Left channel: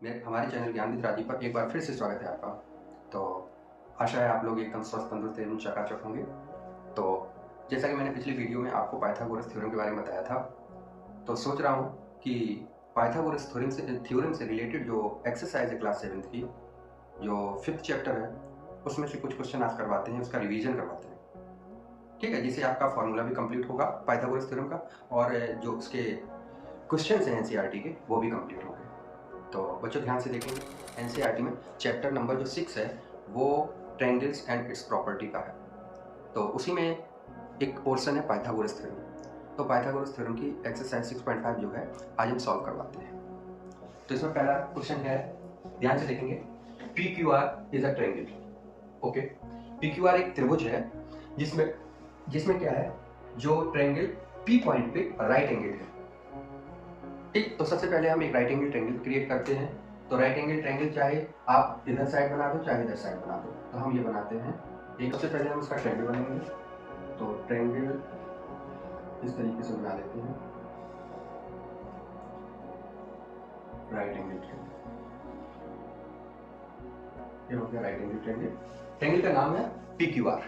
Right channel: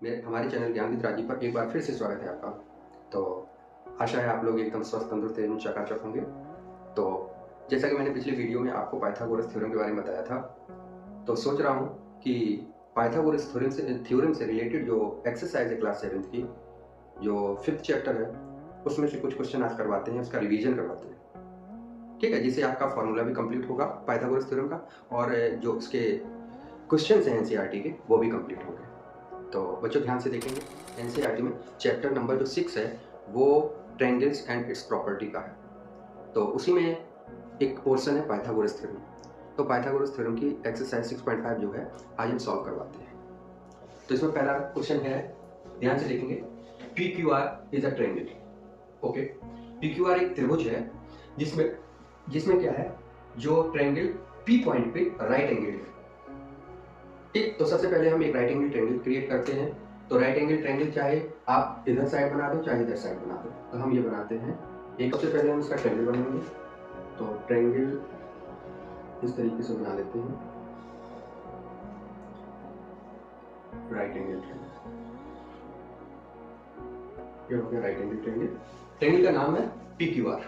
मेरे हमारे चैनल ज्ञानविद राजीव पर एक बार फिर से स्वागत है आपका। तो आशा है आप लोग एकदम स्वस्थ, तंदुरुस्त एवं चकाचक होंगे। तो जैसा कि मैंने पिछले वीडियो में आपको पाइथागोरस थ्योरम के बारे में बताया था, तो सोच रहा हूँ कि पाइथागोरस थ्योरम से रिलेटेड जो एक्सरसाइज है क्लास 7th की, जो 5th चैप्टर है, उसमें से कुछ क्वेश्चन आज करवाते हैं, उसका रिवीजन करवाते हैं। ठीक है, जिससे आपका फॉर्मूला भी कंप्लीट होगा पाइथागोरस थ्योरम का, और जो उसके क्वेश्चन हैं एनसीईआरटी के, वो भी कंप्लीट होंगे। तो बच्चों ध्यान से देखेंगे, एनसीईआरटी में चैप्टर नंबर जो 6 है वो ट्रायंगल्स एंड इट्स प्रॉपर्टी का है। तो उसी में एक पोर्शन है पाइथागोरस थ्योरम। तो पाइथागोरस थ्योरम की एक्सरसाइज 6.5 जो है आज हम सॉल्व करवाते हैं। तो इसमें पहला क्वेश्चन है, ध्यान से देखेंगे, P Q R is a triangle. Okay, P Q R एक त्रिभुज है जिसमें क्या है, जो ट्रायंगल पी पॉइंट पे राइट एंगल है। ठीक, तो सबसे पहले हम एक राइट एंगल ट्रायंगल क्रिएट करते हैं। तो राइट एंगल ट्रायंगल चाहे आप इधर साइड बना दो चाहे इधर साइड बना दो, तो हम ये बनाते हैं। एक सबसे पहले हम इसका ट्रायंगल बनाएंगे। तो ट्रायंगल इस तरीके से बना लेते हैं, राइट एंगल ट्रायंगल। ये हो गया राइट एंगल ट्रायंगल। ट्रायंगल का नाम है पी क्यू आर।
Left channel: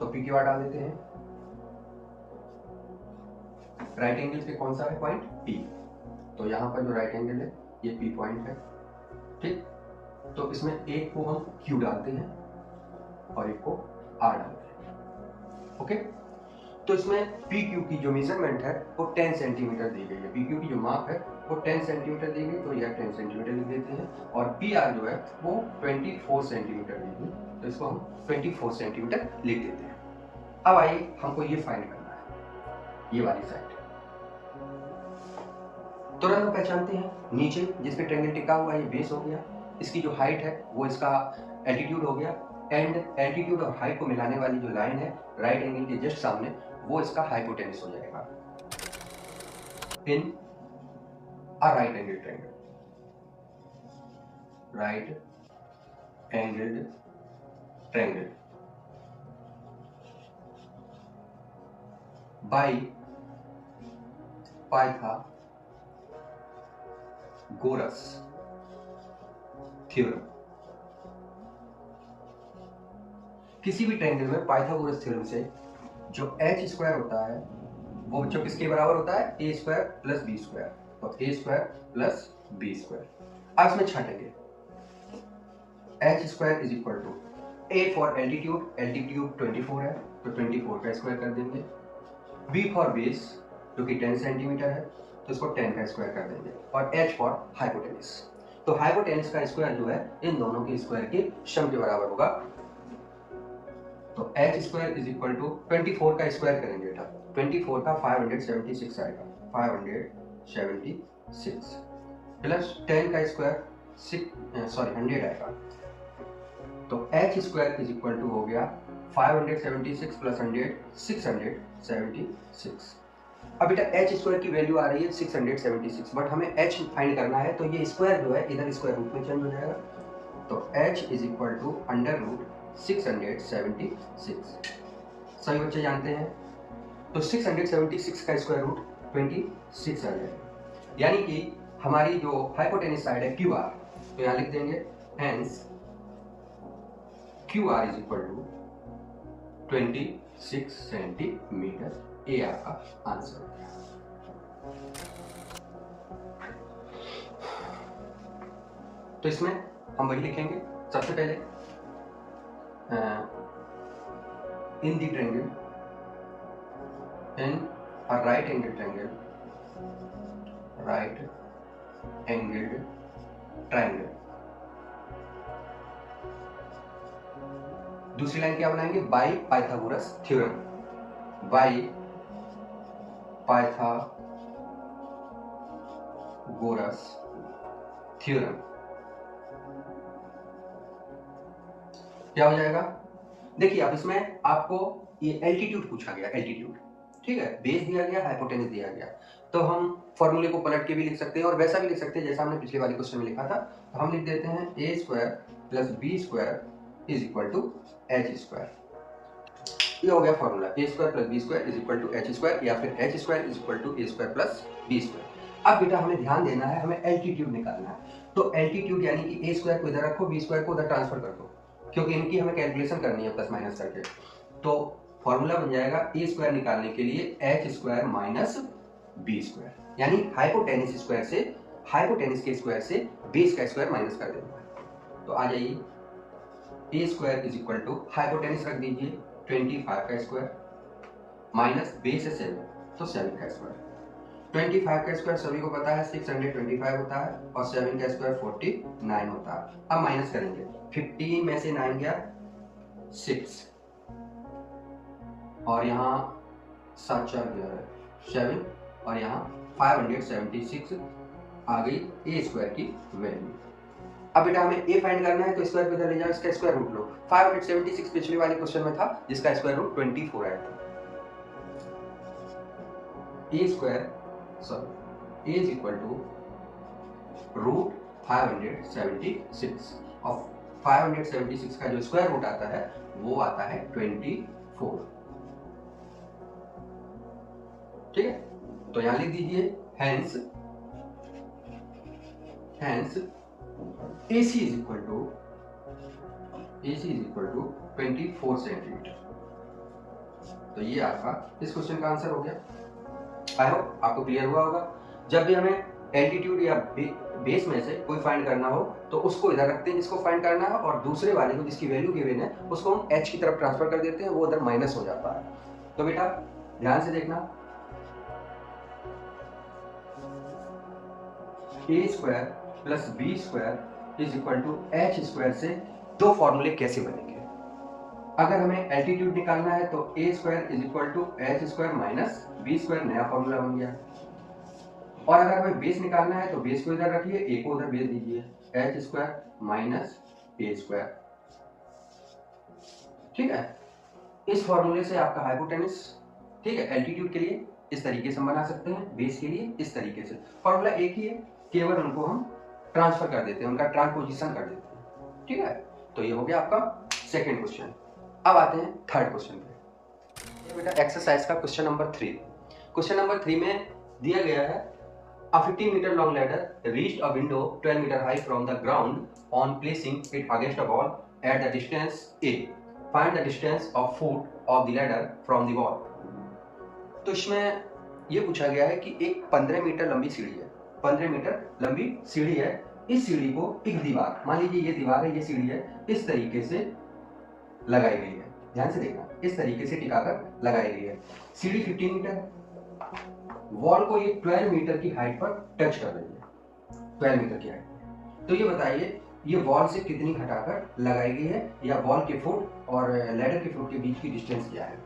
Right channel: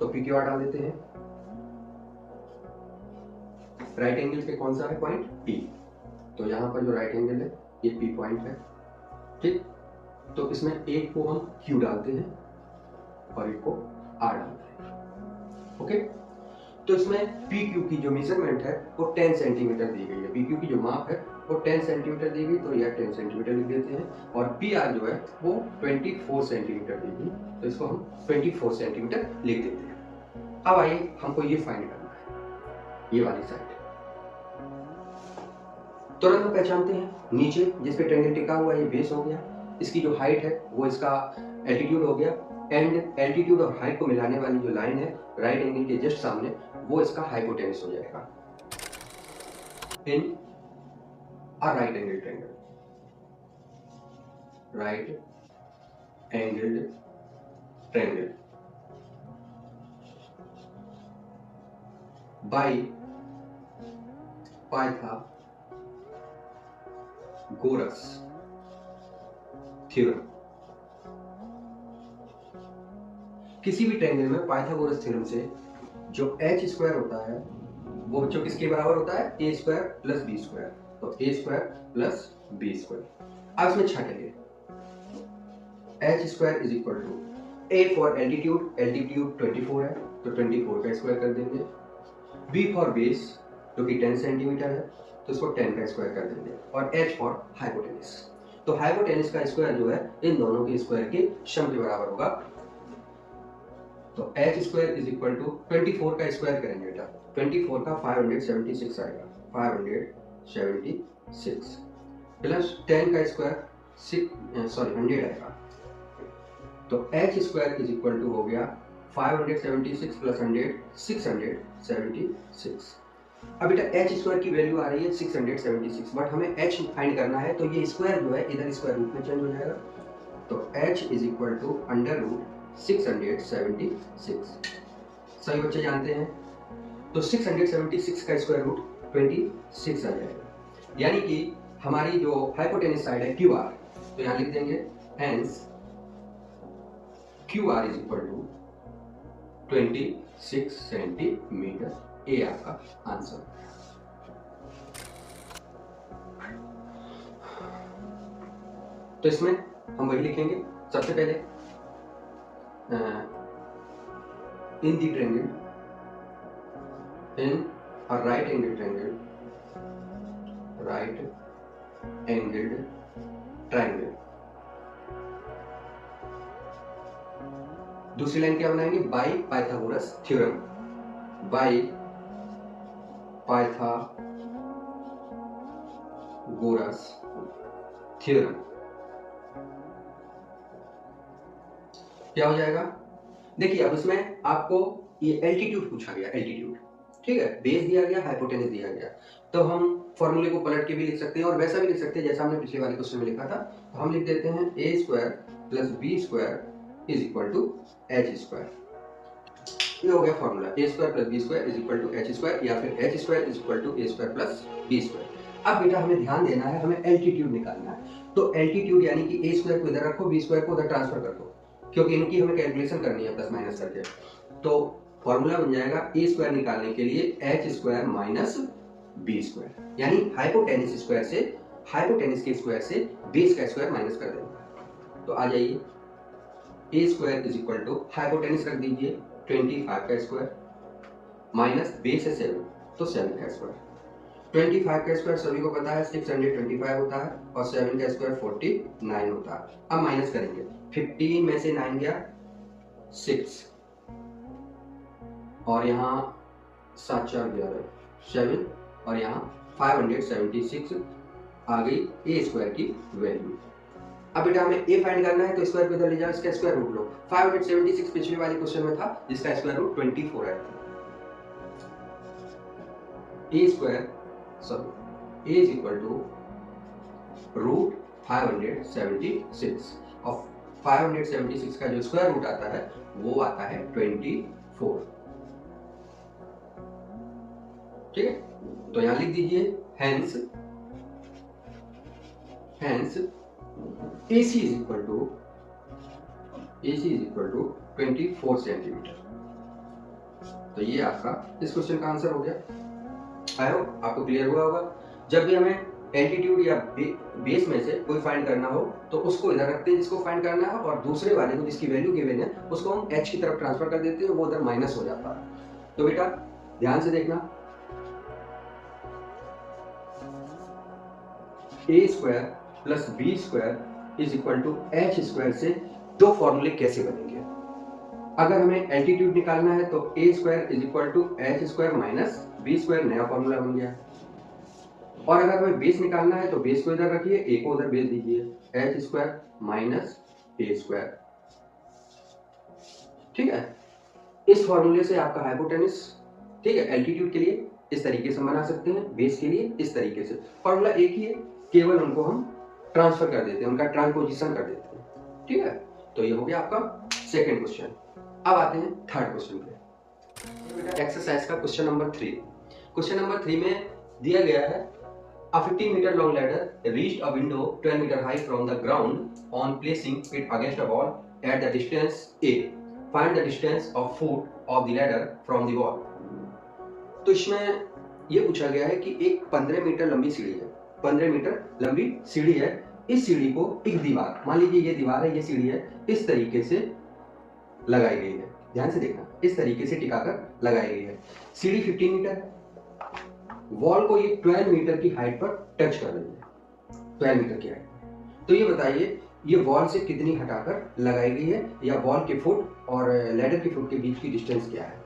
तो पी क्यू आर डाल देते हैं। राइट एंगल पे कौन सा है पॉइंट? पी। तो यहाँ पर जो राइट एंगल है ये पी पॉइंट है। ठीक, तो इसमें एक को हम Q डालते हैं और एक को R डालते हैं। ओके, तो इसमें PQ की जो मेजरमेंट है वो 10 सेंटीमीटर दी गई है। PQ की जो माप है वो 10 सेंटीमीटर दी गई, तो यह 10 सेंटीमीटर लिख देते हैं। और PR जो है वो 24 सेंटीमीटर दी गई, तो इसको हम 24 सेंटीमीटर लिख देते हैं। अब आइए हमको ये फाइंड करना है, ये वाली साइड। तुरंत हम पहचानते हैं, नीचे जिस पे ट्रायंगल टिका हुआ है ये बेस हो गया, इसकी जो हाइट है वो इसका एल्टीट्यूड हो गया, एंड एल्टीट्यूड और हाइट को मिलाने वाली जो लाइन है राइट एंगल के जस्ट सामने, वो इसका हाइपोटेन्यूस हो जाएगा in a right angle triangle. Right angle triangle by Pythagoras theorem. किसी भी ट्रायंगल में पाइथागोरस थ्योरम से जो h स्क्वायर होता है वो जो किसके बराबर होता है? a square plus B square. तो a square plus B square. अब इसमें छाटेंगे, h square is equal to a for altitude, altitude 24 है तो 24 का स्क्वायर कर देंगे। b फॉर बेस जो कि 10 सेंटीमीटर है तो इसको 10 का स्क्वायर कर देंगे। और h फॉर हाइपोटेन्यूस। तो हाइपोटेन्यूस का स्क्वायर जो है इन दोनों के स्क्वायर के सम के बराबर होगा। तो h square is equal to 24 का स्क्वायर करेंगे बेटा, 24 का 576 आएगा, 576 प्लस 10 का स्क्वायर 100 आएगा। तो h square is equal to हो गया 576 प्लस 100 676। अब बेटा h स्क्वायर की वैल्यू आ रही है 676, बट हमें h फाइंड करना है, तो ये स्क्वायर जो है इधर स्क्वायर रूट में चेंज हो जाएगा। तो h is equal to under root 676। सभी बच्चे जानते हैं, तो 676 का स्क्वायर रूट 26 आ जाएगा। यानी कि हमारी जो हाइपोटेन्यूस साइड है QR, तो यहाँ लिख देंगे hence QR is equal to 26 centimetre. ये आपका आंसर है। तो इसमें हम वही लिखेंगे, सबसे पहले in the triangle, in a right angled triangle, right angled triangle। दूसरी लाइन क्या बनाएंगे? Bye Pythagoras theorem, bye Pythagoras theorem. क्या हो जाएगा? देखिए अब इसमें आपको ये एल्टीट्यूड पूछा गया, एल्टीट्यूड, ठीक है, बेस दिया गया, हाइपोटेन्यूस दिया गया। तो हम फॉर्मूले को पलट के भी लिख सकते हैं और वैसा भी लिख सकते हैं जैसा हमने पिछले वाले क्वेश्चन में लिखा था। तो हम लिख देते हैं a square plus B square is equal to h square. ये हो गया formula, a square plus B square is equal to h square, या फिर h square is equal to a square plus B square. अब बेटा हमें ध्यान देना है, हमें एल्टीट्यूड निकालना है। तो एल्टीट्यूड यानी कि ए स्क्वायर को इधर रखो, बी स्क्वायर को उधर ट्रांसफर कर दो, क्योंकि इनकी हमें कैलकुलेशन करनी है प्लस माइनस करके। तो फॉर्मूला बन जाएगा ए स्क्वायर निकालने के लिए H square minus B square, यानी हाइपोटेनिस स्क्वायर से, हाइपोटेनिस के स्क्वायर से बेस का स्क्वायर माइनस कर देना। तो आ जाइए, A square is equal to hypotenuse रख दीजिए 25 का स्क्वायर माइनस बेस है 7, तो 7 का स्क्वायर। 25 का स्क्वायर सभी को पता है 625 होता है, और 7 का स्क्वायर 49 होता है। अब माइनस करेंगे, 15 में से 9 गया 6, और यहाँ 7 4 7, और यहाँ 576 आ गई ए स्क्वायर की वैल्यू। अब बेटा हमें ए फाइंड करना है, तो स्क्वायर को इधर ले जाओ, इसका स्क्वायर रूट लो। 576 पिछले वाले क्वेश्चन में था, जिसका स्क्वायर रूट 24 आया था। A square sorry A is equal to root 576, और 576 का जो स्क्वायर रूट आता है वो आता है 24। ठीक है, तो यहां लिख दीजिए hence AC is equal to 24 centimetre. तो ये आपका इस क्वेश्चन का आंसर हो गया। आई होप आपको क्लियर हुआ होगा। जब भी हमें एल्टीट्यूड या बेस में से कोई फाइंड करना हो तो उसको इधर रखते हैं जिसको फाइंड करना है, और दूसरे वाले को जिसकी वैल्यू गिवन है उसको हम h की तरफ ट्रांसफर कर देते हैं, वो उधर माइनस हो जाता है। तो बेटा ध्यान से देखना, A square plus B square is equal to H square से दो फॉर्मूले कैसे बनेंगे। अगर हमें एल्टीट्यूड निकालना है तो A square is equal to H square minus B square, नया फॉर्मूला बन गया। और अगर हमें बेस निकालना है तो बेस को इधर रखिए, ए को उधर भेज दीजिए, एच स्क्वायर माइनस ए स्क्वायर। ठीक है, इस फॉर्मूले से आपका हाइपोटेनस, ठीक है, एल्टीट्यूड के लिए इस तरीके से बना सकते हैं, बेस के लिए इस तरीके से। फॉर्मूला एक ही है, केवल उनको हम ट्रांसफर कर देते हैं, उनका ट्रांसपोजिशन कर देते हैं। ठीक है, तो ये हो गया आपका सेकंड क्वेश्चन। अब आते हैं थर्ड क्वेश्चन पे। बेटा एक्सरसाइज का क्वेश्चन नंबर 3। क्वेश्चन नंबर 3 में दिया गया है a 15 meter long ladder reached a window 12 meter high from the ground on placing it against a wall at the distance A. Find the distance of foot of the ladder from the wall. तो इसमें ये पूछा गया है कि एक 15 metre लंबी सीढ़ी है, 15 मीटर लंबी सीढ़ी है। इस सीढ़ी को एक दीवार, मान लीजिए ये दीवार है, ये सीढ़ी है, इस तरीके से लगाई गई है। ध्यान से देखना, इस तरीके से टिकाकर लगाई गई है। सीढ़ी 15 मीटर, वॉल को ये 12 मीटर की हाइट पर टच कर रही है, 12 मीटर की हाइट। तो ये बताइए ये वॉल से कितनी हटाकर लगाई गई है, या वॉल के फुट और लैडर के फुट के बीच की डिस्टेंस क्या है।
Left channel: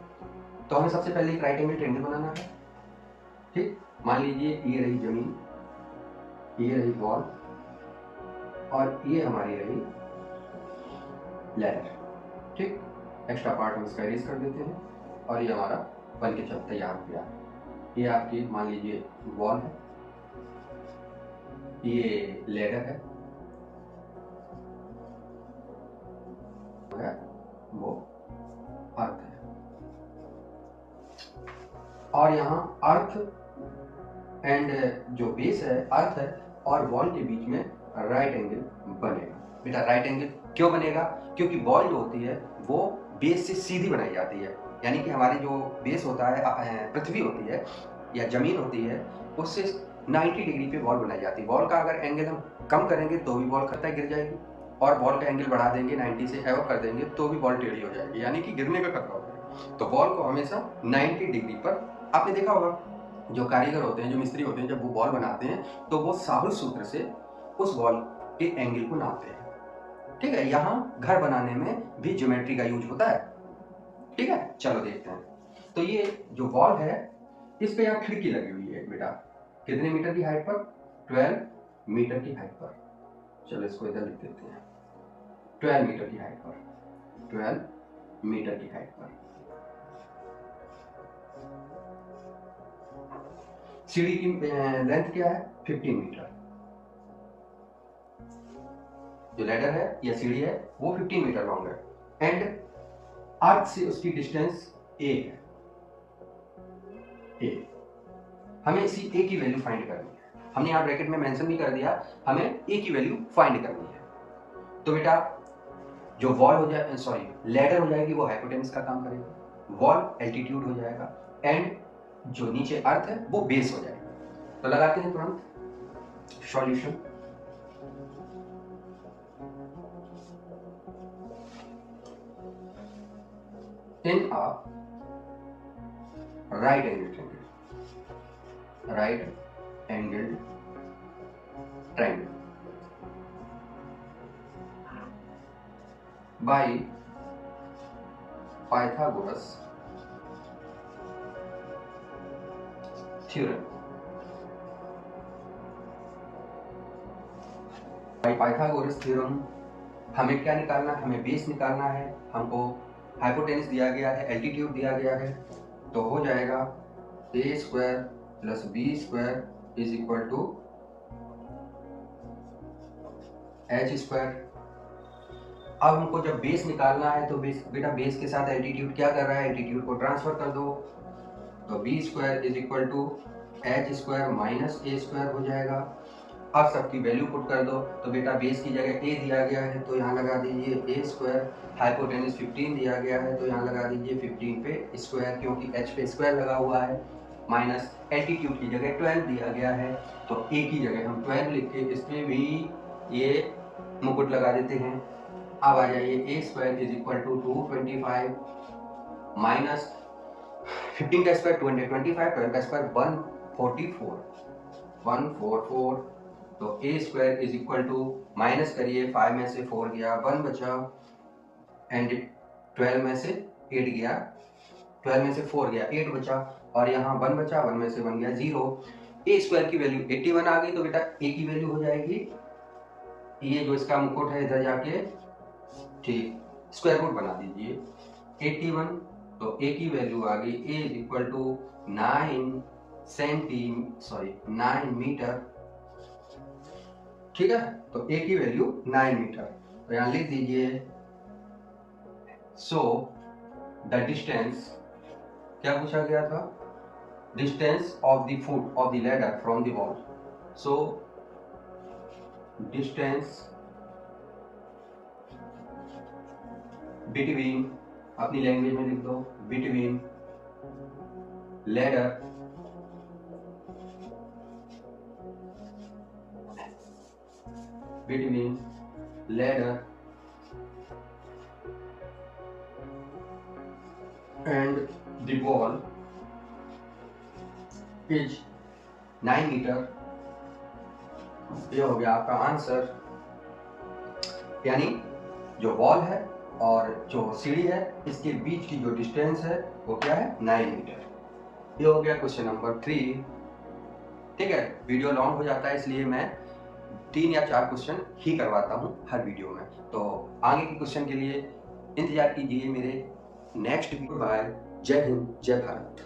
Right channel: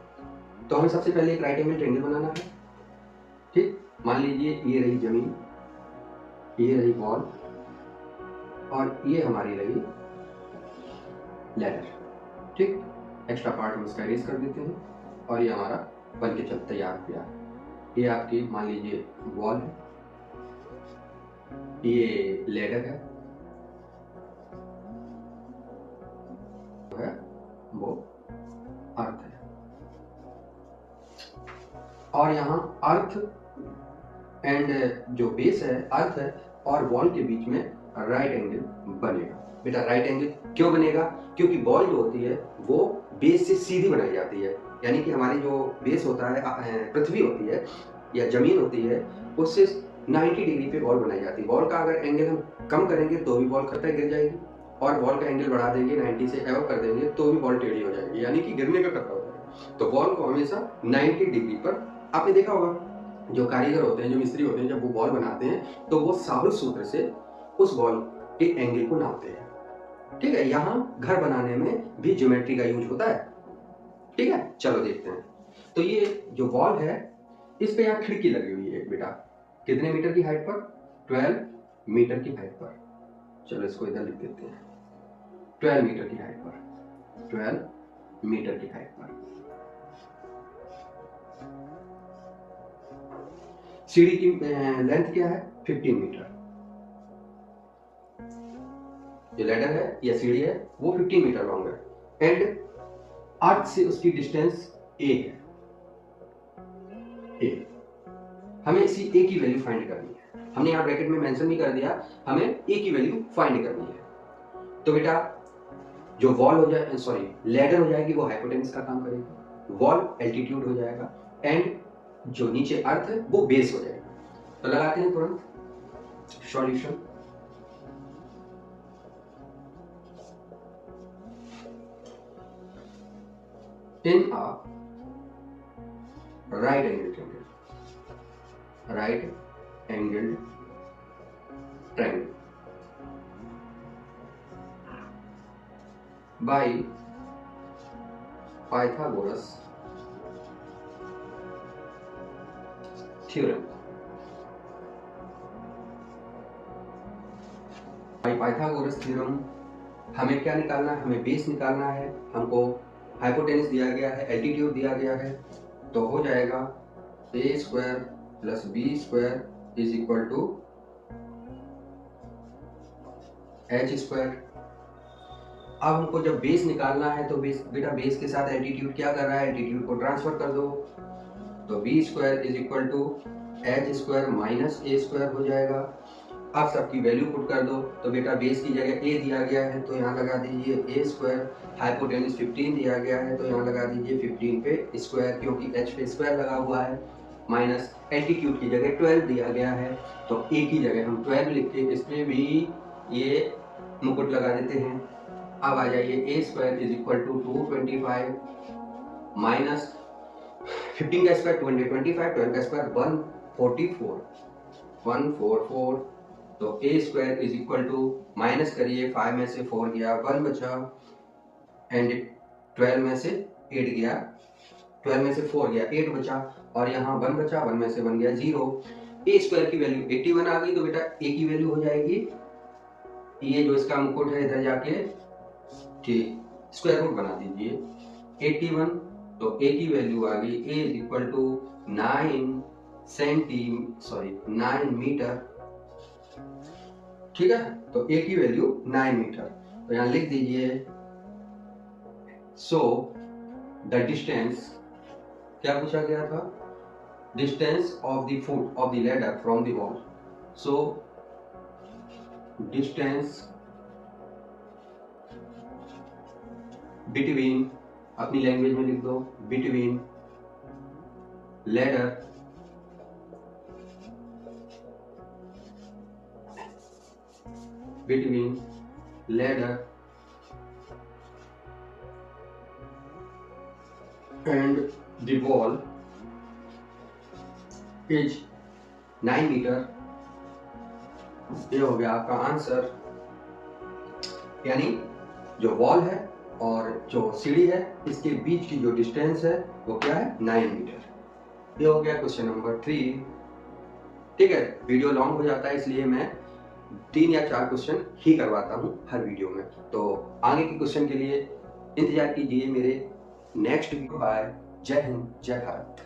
तो हमें सबसे पहले एक राइट एंगल ट्रायंगल बनाना है। ठीक, मान लीजिए ये रही जमीन, ये रही वॉल, और ये हमारी रही लैडर। ठीक, एक्स्ट्रा पार्ट हम इसका इरेज कर देते हैं, और ये हमारा बन के चल तैयार हो गया। ये आपकी मान लीजिए वॉल है, ये लैडर है, वो अर्थ है, और यहाँ अर्थ एंड जो बेस है, अर्थ है और वॉल के बीच में राइट एंगल बनेगा। बेटा राइट एंगल क्यों बनेगा? क्योंकि वॉल जो होती है वो बेस से सीधी बनाई जाती है, यानी कि हमारी जो बेस होता है, पृथ्वी होती है या जमीन होती है, उससे 90 डिग्री पे वॉल बनाई जाती है। वॉल का अगर एंगल हम कम करेंगे तो भी वॉल खतरा गिर जाएगी, और वॉल का एंगल बढ़ा देंगे 90 से एवं कर देंगे तो भी वॉल टेढ़ी हो जाएगी, यानी कि गिरने का खतरा हो जाएगा। तो वॉल को हमेशा 90 डिग्री पर, आपने देखा होगा जो कारीगर होते हैं, जो मिस्त्री होते हैं, जब वो वॉल बनाते हैं तो वो साहुल सूत्र से उस वॉल के एंगल को नापते हैं। ठीक है, यहाँ घर बनाने में भी ज्योमेट्री का यूज होता है। ठीक है, चलो देखते हैं। तो ये जो वॉल है, इस पे यहाँ खिड़की लगी हुई है बेटा, कितने मीटर की हाइट पर? 12 मीटर की हाइट पर। चलो इसको इधर लिख देते हैं, 12 मीटर की हाइट पर, 12 मीटर की हाइट पर। सीढ़ी की लेंथ क्या है? 15 मीटर। जो लैडर है या सीढ़ी है वो 15 मीटर लॉन्ग है, एंड अर्थ से उसकी डिस्टेंस a है। a, हमें इसी a की वैल्यू फाइंड करनी है। हमने यहाँ ब्रैकेट में मेंशन भी कर दिया, हमें ए की वैल्यू फाइंड करनी है। तो बेटा जो वॉल हो जाए, सॉरी लैडर हो जाएगी वो हाइपोटेनस का काम करेगी, वॉल एल्टीट्यूड हो जाएगा एंड जो नीचे अर्थ है वो बेस हो जाएगी। तो लगाते हैं तुरंत solution. In a right angled triangle by Pythagoras theorem. by Pythagoras theorem हमें क्या निकालना है, हमें बेस निकालना है, हमको हाइपोटेनस दिया गया है, एल्टीट्यूड दिया गया है, तो हो जाएगा a square plus b square is equal to h square. अब हमको जब बेस निकालना है तो बेटा बेस के साथ एल्टीट्यूड क्या कर रहा है, एल्टीट्यूड को ट्रांसफर कर दो, तो b square is equal to h square minus a square हो जाएगा। अब सबकी वैल्यू पुट कर दो, तो बेटा बेस की जगह a दिया गया है तो यहाँ लगा दीजिए a स्क्वायर, हाइपोटेनस 15 दिया गया है तो यहाँ लगा दीजिए 15 पे स्क्वायर, क्योंकि h पे स्क्वायर लगा हुआ है, माइनस एल्टीट्यूड की जगह 12 दिया गया है तो a की जगह हम 12 लिख के इसमें भी ये मुकुट लगा देते हैं। अब आ जाइए a square is equal to 225 minus 15 का स्क्वायर 225, 12 का स्क्वायर 144, तो a square is equal to minus करिए, 5 में से 4 गया, 1 बचा एंड 12 में से 8 गया, 12 में से 4 गया, 8 बचा और यहाँ 1 बचा, 1 में से 1 गया 0। a स्क्वायर की वैल्यू 81 आ गई, तो बेटा a की वैल्यू हो जाएगी, ये जो इसका मुकुट है इधर जाके ठीक स्क्वायर रूट बना दीजिए 81, तो a की वैल्यू आ गई a is equal to 9 metre, ठीक है। तो a की वैल्यू 9 मीटर, तो यहाँ लिख दीजिए सो द डिस्टेंस, क्या पूछा गया था, distance of the foot of the ladder from the wall, so distance between, अपनी लैंग्वेज में लिख दो, between ladder and the wall is 9 metre. ये हो गया आपका आंसर, यानी जो वॉल है और जो सीढ़ी है इसके बीच की जो डिस्टेंस है वो क्या है, 9 मीटर। ये हो गया क्वेश्चन नंबर 3। ठीक है, वीडियो लॉन्ग हो जाता है इसलिए मैं 3 या 4 क्वेश्चन ही करवाता हूँ हर वीडियो में, तो आगे के क्वेश्चन के लिए इंतजार कीजिए मेरे नेक्स्ट वीडियो। बाय, जय हिंद, जय भारत।